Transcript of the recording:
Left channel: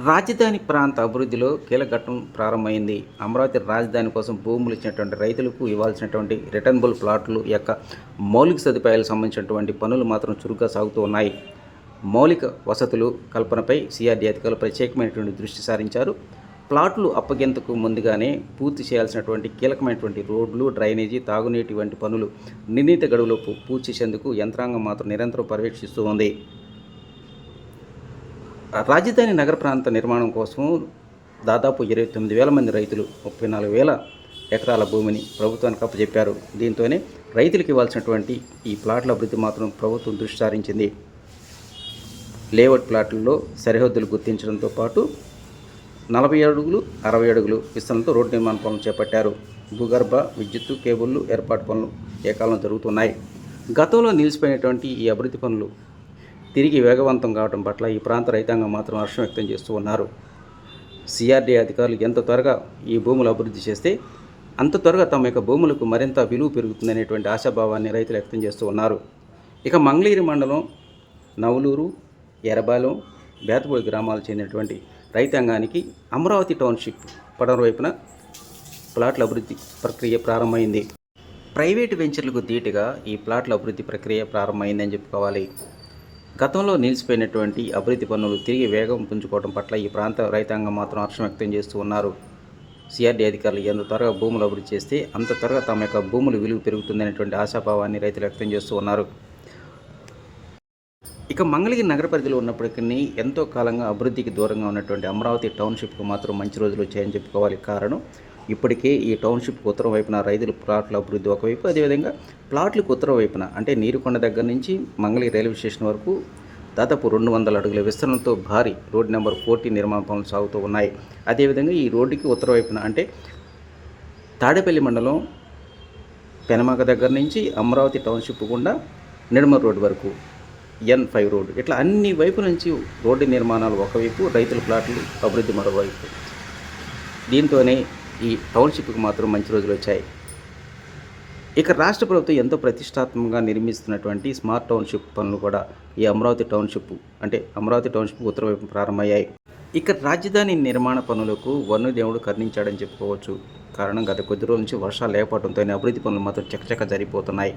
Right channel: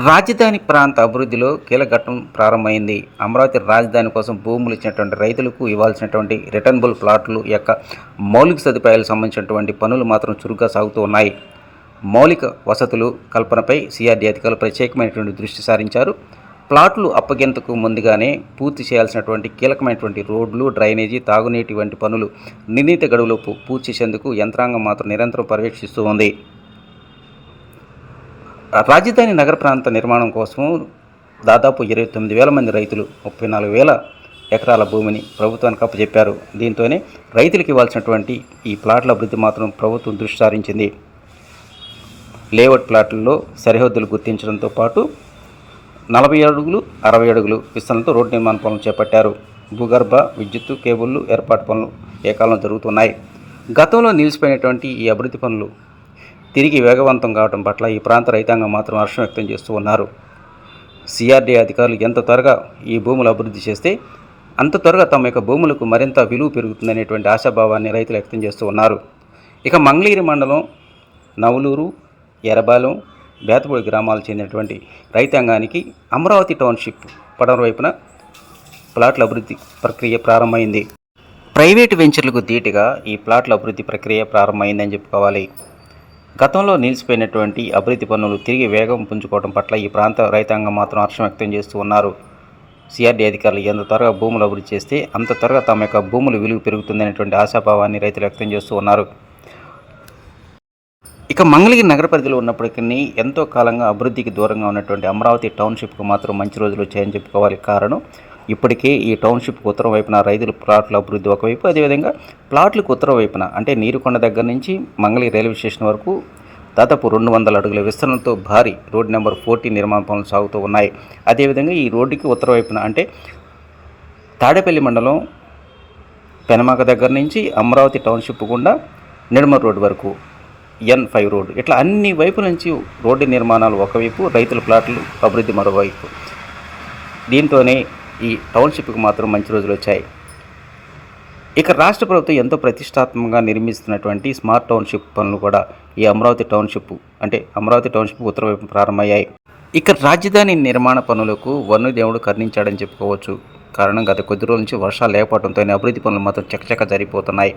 రాజధాని ప్రాంత అభివృద్ధిలో కీలక ఘట్టం ప్రారంభమైంది. అమరావతి రాజధాని కోసం భూములు ఇచ్చినటువంటి రైతులకు ఇవ్వాల్సినటువంటి రిటర్నబుల్ ప్లాట్లు యొక్క మౌలిక సదుపాయాలకు సంబంధించినటువంటి పనులు మాత్రం చురుగ్గా సాగుతూ ఉన్నాయి. మౌలిక వసతులు కల్పనపై సిఆర్డీ అధికారులు ప్రత్యేకమైనటువంటి దృష్టి సారించారు. ప్లాట్లు అప్పగింతకు ముందుగానే పూర్తి చేయాల్సినటువంటి కీలకమైనటువంటి రోడ్లు, డ్రైనేజీ, తాగునీటి వంటి పనులు నిర్ణీత గడువులోపు పూర్తి చేసేందుకు యంత్రాంగం మాత్రం నిరంతరం పర్యవేక్షిస్తూ ఉంది. రాజధాని నగర ప్రాంత నిర్మాణం కోసం దాదాపు 29,000 మంది రైతులు 34,000 ఎకరాల భూమిని ప్రభుత్వానికి అప్పచెప్పారు. దీంతోనే రైతులకు ఇవ్వాల్సినటువంటి ఈ ప్లాట్ల అభివృద్ధి మాత్రం ప్రభుత్వం దృష్టి సారించింది. లేఅవుట్ ప్లాట్లలో సరిహద్దులు గుర్తించడంతో పాటు 40 అడుగులు 60 అడుగులు విస్తరణతో రోడ్డు నిర్మాణ పనులు చేపట్టారు. భూగర్భ విద్యుత్తు కేబుళ్లు ఏర్పాటు పనులు ఏకాలంలో జరుగుతున్నాయి. గతంలో నిలిచిపోయినటువంటి ఈ అభివృద్ధి పనులు తిరిగి వేగవంతం కావడం పట్ల ఈ ప్రాంత రైతాంగం మాత్రం హర్షం వ్యక్తం చేస్తూ ఉన్నారు. సిఆర్డీ అధికారులు ఎంత త్వరగా ఈ భూములు అభివృద్ధి చేస్తే అంత త్వరగా తమ యొక్క భూములకు మరింత విలువ పెరుగుతుందనేటువంటి ఆశాభావాన్ని రైతులు వ్యక్తం చేస్తూ ఉన్నారు. ఇక మంగళగిరి మండలం నవలూరు, ఎర్రబాలెం, బేతపూడి గ్రామాలకు చెందినటువంటి రైతాంగానికి అమరావతి టౌన్షిప్ పడమర వైపున ప్లాట్ల అభివృద్ధి ప్రక్రియ ప్రారంభమైంది. ప్రైవేటు వెంచర్లకు ధీటుగా ఈ ప్లాట్ల అభివృద్ధి ప్రక్రియ ప్రారంభమైందని చెప్పుకోవాలి. గతంలో నిలిచిపోయినటువంటి అభివృద్ధి పనులు తిరిగి వేగం పుంజుకోవడం పట్ల ఈ ప్రాంత రైతాంగం మాత్రం హర్షం వ్యక్తం చేస్తూ ఉన్నారు. సిఆర్డీ అధికారులు ఎంత త్వరగా భూములు అభివృద్ధి చేస్తే అంత త్వరగా తమ యొక్క భూముల విలువ పెరుగుతుందనేటువంటి ఆశాభావాన్ని రైతులు వ్యక్తం చేస్తూ ఉన్నారు. ఇక మంగళగిరి నగర పరిధిలో ఉన్నప్పటికీ ఎంతో కాలంగా అభివృద్ధికి దూరంగా ఉన్నటువంటి అమరావతి టౌన్షిప్కు మాత్రం మంచి రోజులు వచ్చాయని చెప్పుకోవాలి. కారణం ఇప్పటికే ఈ టౌన్షిప్కు ఉత్తరం వైపున రైతుల ప్లాట్ల అభివృద్ధి ఒకవైపు, అదేవిధంగా ప్లాట్లకు ఉత్తరం వైపున అంటే నీరుకొండ దగ్గర నుంచి మంగళగిరి రైల్వే స్టేషన్ వరకు దాదాపు 200 అడుగుల విస్తరణతో భారీ రోడ్ నెంబర్ 40 నిర్మాణ పనులు సాగుతూ ఉన్నాయి. అదేవిధంగా ఈ రోడ్డుకి ఉత్తర వైపున అంటే తాడేపల్లి మండలం పెనమాక దగ్గర నుంచి అమరావతి టౌన్షిప్ గుండా నిడమర్ రోడ్ వరకు N5 రోడ్డు, ఇట్లా అన్ని వైపుల నుంచి రోడ్డు నిర్మాణాలు ఒకవైపు, రైతుల ప్లాట్లు అభివృద్ధి మరోవైపు. దీంతోనే ఈ టౌన్షిప్కి మాత్రం మంచి రోజులు వచ్చాయి. ఇక రాష్ట్ర ప్రభుత్వం ఎంతో ప్రతిష్టాత్మకంగా నిర్మిస్తున్నటువంటి స్మార్ట్ టౌన్షిప్ పనులు కూడా ఈ అమరావతి టౌన్షిప్ ఉత్తర వైపు ప్రారంభమయ్యాయి. ఇక రాజధాని నిర్మాణ పనులకు వన్యదేవుడు కరుణించాడని చెప్పుకోవచ్చు. కారణం గత కొద్ది రోజుల నుంచి వర్షాలు లేకపోవడంతో అభివృద్ధి పనులు మాత్రం చకచక జరిగిపోతున్నాయి.